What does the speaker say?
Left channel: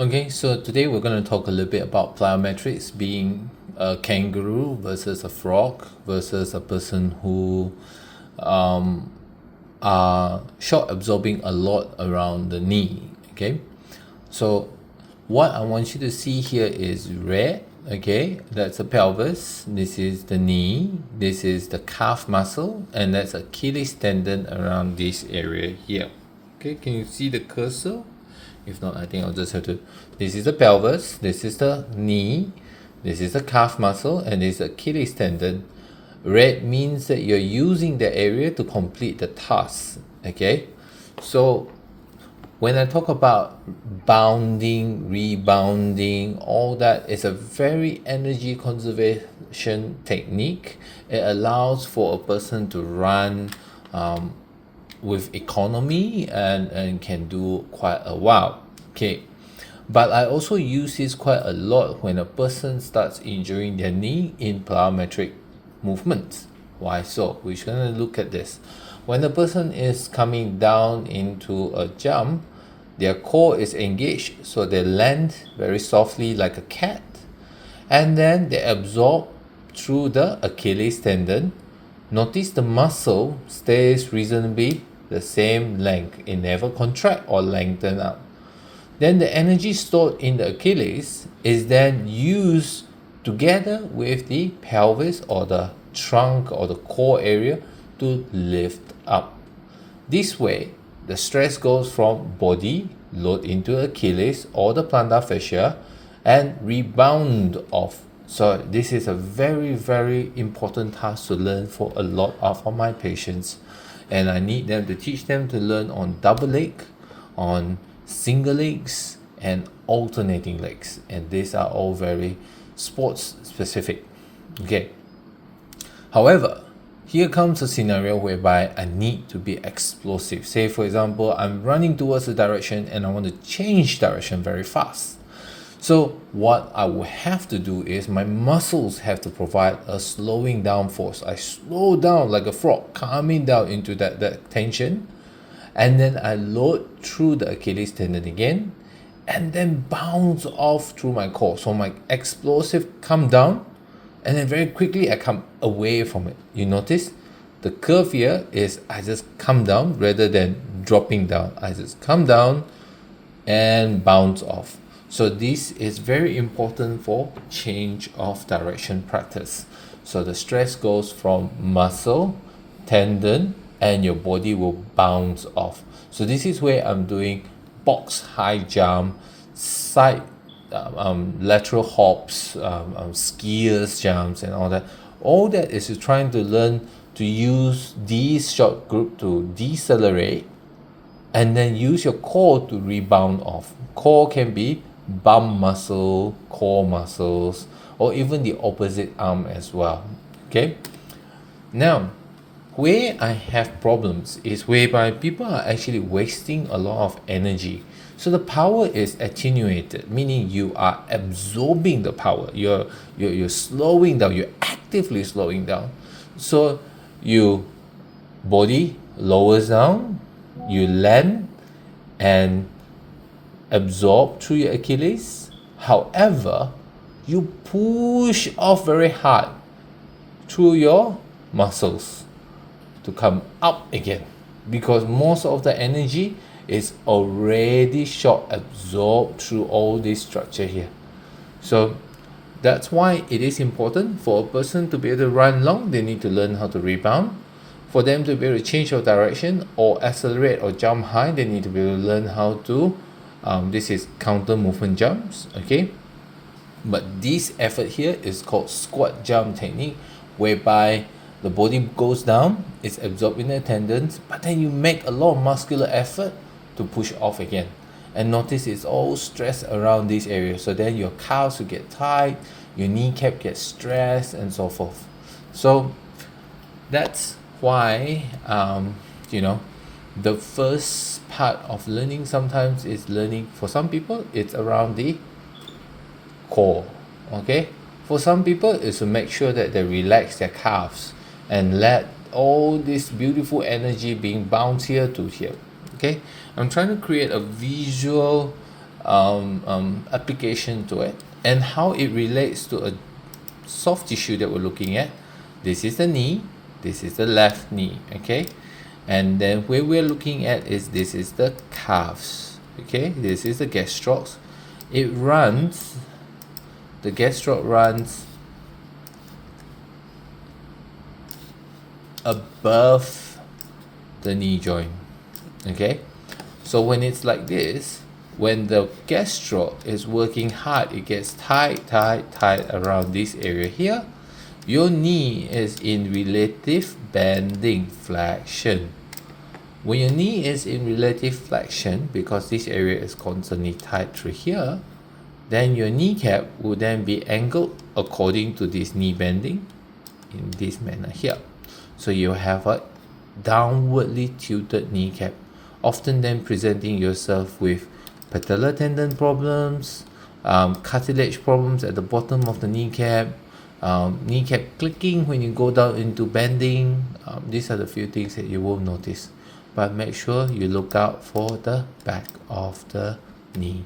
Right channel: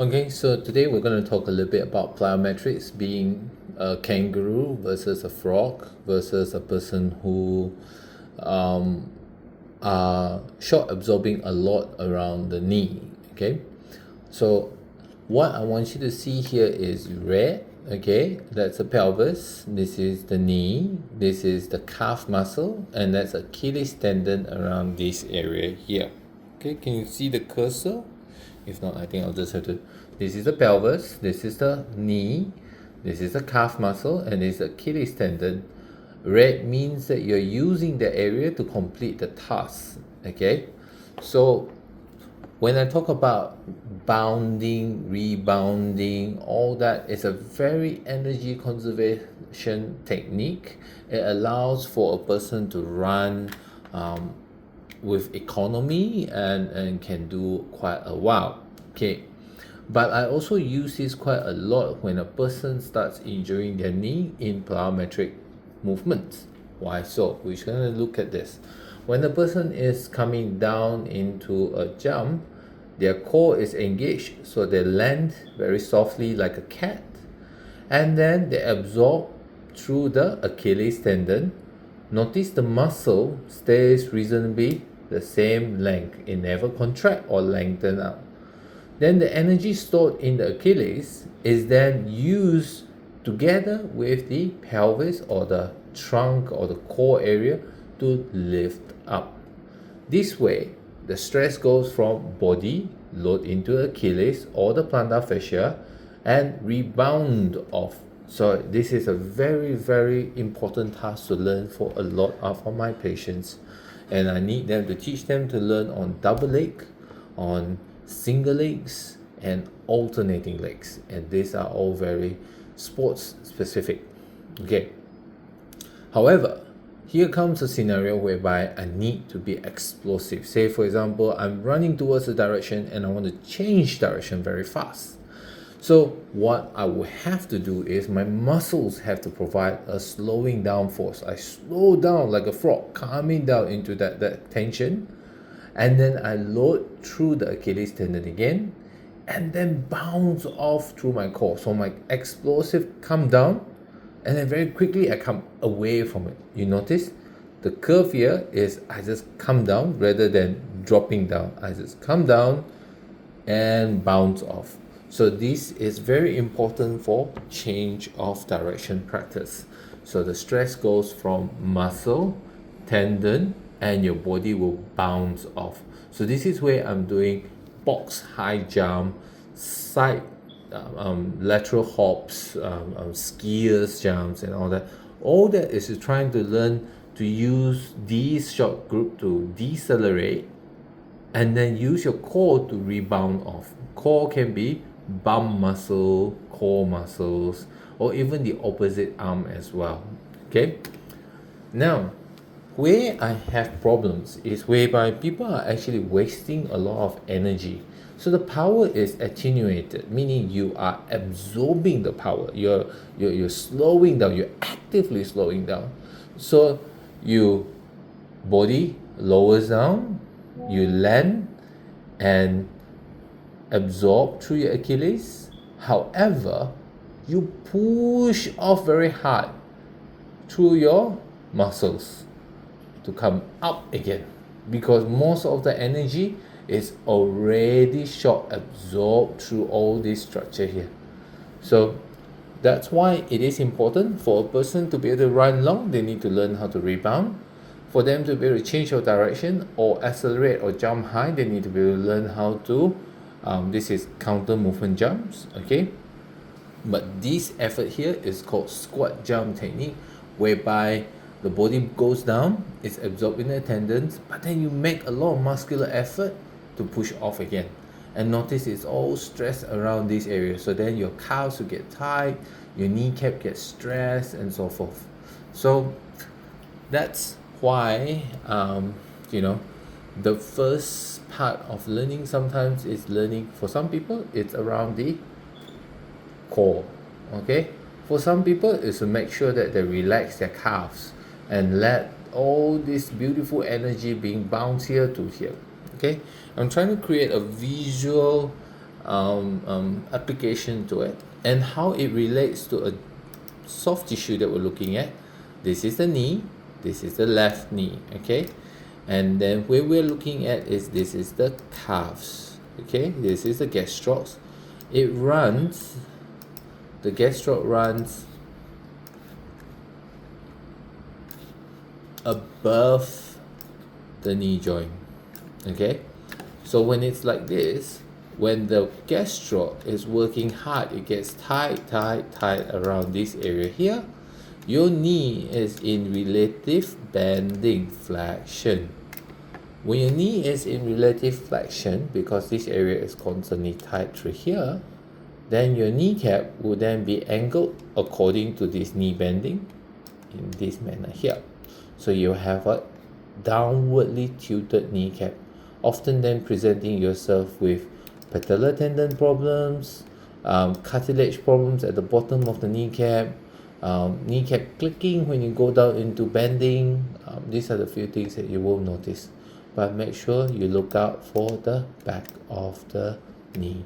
Okay, so today we're going to talk a little bit about plyometrics, being a kangaroo versus a frog versus a person who are shock absorbing a lot around the knee. Okay, so what I want you to see here is red. Okay, that's the pelvis, this is the knee, this is the calf muscle, and that's Achilles tendon around this area here. Okay, can you see the cursor? If not, I think I'll just have to. This is the pelvis, this is the knee, this is the calf muscle, and this is Achilles tendon. Red means that you're using the area to complete the task. Okay, so when I talk about bounding, rebounding, all that is a very energy conservation technique. It allows for a person to run with economy and can do quite a while. Okay, but I also use this quite a lot when a person starts injuring their knee in plyometric movements. Why so? We're going to look at this. When a person is coming down into a jump, their core is engaged, so they land very softly like a cat, and then they absorb through the Achilles tendon. Notice the muscle stays reasonably the same length. It never contract or lengthen out. Then the energy stored in the Achilles is then used together with the pelvis or the trunk or the core area to lift up. This way, the stress goes from body load into Achilles or the plantar fascia and rebound off. So this is a very, very important task to learn for a lot of my patients. And I need them to teach them to learn on double leg, on single legs, and alternating legs. And these are all very sports specific. Okay. However, here comes a scenario whereby I need to be explosive. Say, for example, I'm running towards a direction and I want to change direction very fast. So what I will have to do is my muscles have to provide a slowing down force. I slow down like a frog, calming down into that tension. And then I load through the Achilles tendon again and then bounce off through my core. So my explosive come down and then very quickly I come away from it. You notice the curve here is I just come down rather than dropping down. I just come down and bounce off. So this is very important for change of direction practice. So the stress goes from muscle, tendon, and your body will bounce off. So this is where I'm doing box high jump, side lateral hops, skiers jumps, and all that. All that is trying to learn to use these short group to decelerate and then use your core to rebound off. Core can be bum muscle, core muscles, or even the opposite arm as well. Okay. Now, where I have problems is whereby people are actually wasting a lot of energy. So the power is attenuated, meaning you are absorbing the power. You're slowing down. You're actively slowing down. So you body lowers down, you land and absorb through your Achilles. However, you push off very hard through your muscles to come up again, because most of the energy is already shock absorbed through all this structure here. So that's why it is important for a person to be able to run long. They need to learn how to rebound. For them to be able to change your direction or accelerate or jump high, they need to be able to learn how to this is counter movement jumps. Okay, but this effort here is called squat jump technique, whereby the body goes down, it's absorbed in the tendons, but then you make a lot of muscular effort to push off again. And notice it's all stressed around this area. So then your calves will get tight, your kneecap gets stressed, and so forth. So that's why the first part of learning sometimes is learning. For some people, it's around the core. Okay, for some people is to make sure that they relax their calves and let all this beautiful energy being bounced here to here. Okay, I'm trying to create a visual application to it, and how it relates to a soft tissue that we're looking at. This is the knee, this is the left knee, okay? And then where we're looking at is this is the calves, okay? This is the gastroc. It runs, the gastroc runs above the knee joint, okay? So when it's like this, when the gastroc is working hard, it gets tight around this area here. Your knee is in relative bending flexion. When your knee is in relative flexion, because this area is constantly tight through here, then your kneecap will then be angled according to this knee bending in this manner here. So you have a downwardly tilted kneecap, often then presenting yourself with patellar tendon problems, cartilage problems at the bottom of the kneecap, kneecap clicking when you go down into bending. These are the few things that you will notice, but make sure you look out for the back of the knee.